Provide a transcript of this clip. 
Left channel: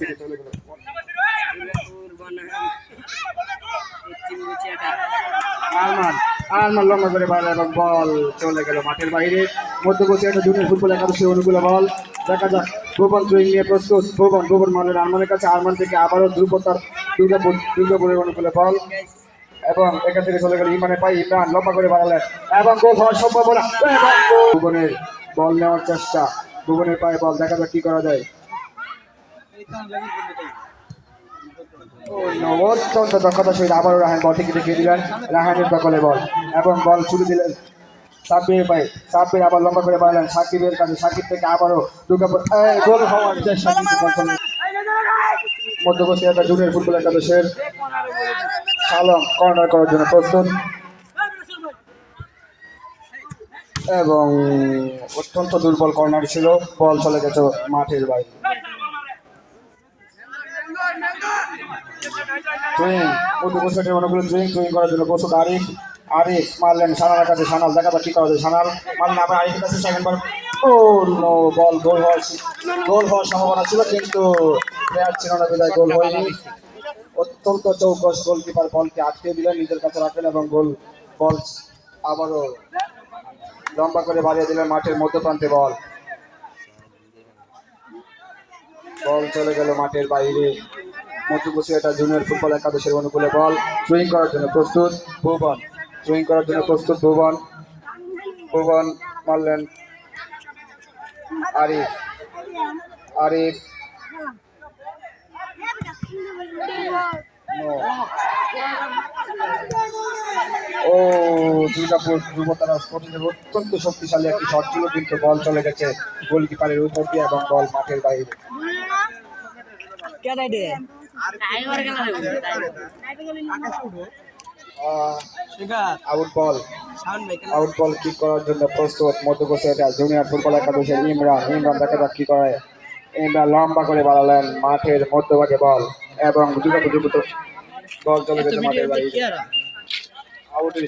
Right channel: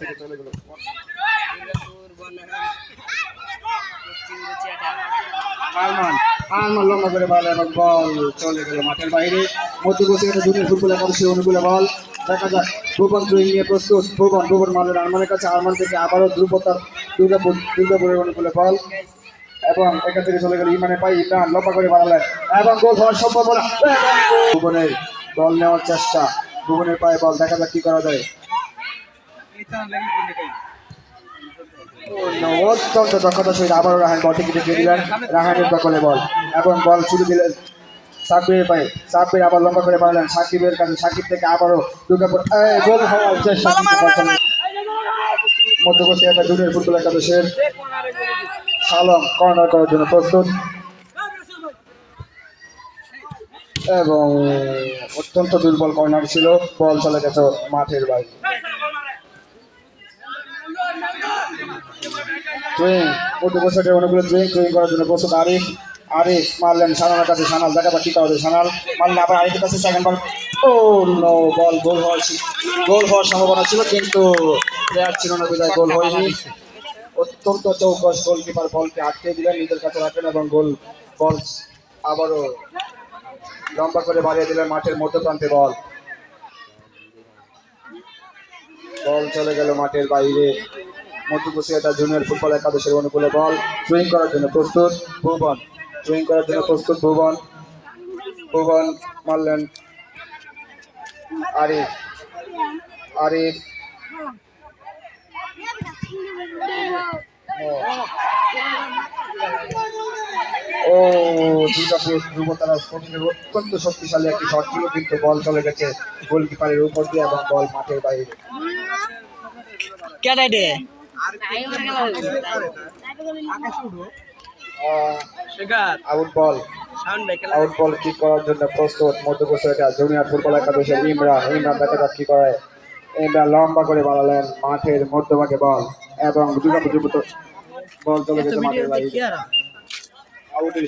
থেকে চলে গেল আরমান লম্বা করে বাইরে এবং বল চলে গেল মাঠের বাইরে। মধ্যপ্রদেশের জুনিয়র ফুটবল একাদশী অনুকূলে বল। দেখা যাক ভুবন থ্রোয়িং নিয়ে প্রস্তুত। ভুবন মারলেন আরমানের কাছে। আরমান থেকে আবারও দুর্গাপুরের অনুকূলে বল এবং এখান থেকে চলে গেল ইমরানের পায়ে। ইমরান লম্বা করে বাড়ালেন এবং গোল হওয়ার সম্ভাবনা। ভুবনের বল নেওয়ার চেষ্টা, ভুবনের পায়ে বল। দেখা যাক কি করা যায়। অত্যন্ত দক্ষতার সহিত আবারও রাহান বল থেকে ঢুকিয়ে দিলেন। রাহানের দখলে বল এবং বল ছুড়ে দিলেন সাব্বিরের পায়ে। সাব্বির আবার লম্বা করে বাড়লেন সাকিবের কাছে। সাকিব থেকে আবারও দুর্গাপুর গোল হওয়ার চেষ্টা। মধ্যপ্রদেশ জুনিয়র ফুটবল একাদশের সালম কর্নার করার জন্য প্রস্তুত এবং অত্যন্ত দুর্বল কর্নার ছিল। বল চলে গেছে মাঠের বাইরে। মধ্যপ্রদেশের অনুকূলে ড্রয়িং করার জন্য প্রস্তুত আরিফ মারলেন সানালের কাছে। সানাল দেখা যাক কি করা যায়। সানাল মারলেন আবার আরিফের কাছে। সেকেন্ড বল, ও নো, বল গোল হওয়ার সম্ভাবনা ছিল কিন্তু প্লেয়ার ছিল না বিদায় গোল হয়নি। অত্যন্ত চৌকস গোলকিপার বলকে আটকে দিলেন, নিজের কাছে রাখলেন এবং বল আবারও লম্বা করে বাড়িয়ে দিলেন মাঠের মধ্যপ্রান্তে। বল চলে গেল মাঠের বাইরে। মধ্যপ্রদেশ জুনিয়র ফুটবল একাদশের অনুকূলে বল। ড্রয়িং করার জন্য প্রস্তুত ভুবন মারলেন আরিফ ও দুর্গাপুর ধ্রুবতারা স্পোর্টিংয়ের অত্যন্ত শক্তিশালী একটি শট ছিল কিন্তু বল চলে গেছে গোলকিপারের উপর দিয়ে এবং বল মাঠের বাইরে। আউট বল কিক করার জন্য প্রস্তুত মধ্যপ্রদেশ জুনিয়র ফুটবল একাদশের ইমরান দেখা যাক কি করে। ইমরান লম্বা করে বাড়ালেন মাঠের মধ্যভাগে বল এবং দুর্গাপুর বল চলে গেছে মাঠের বাইরে। আউটের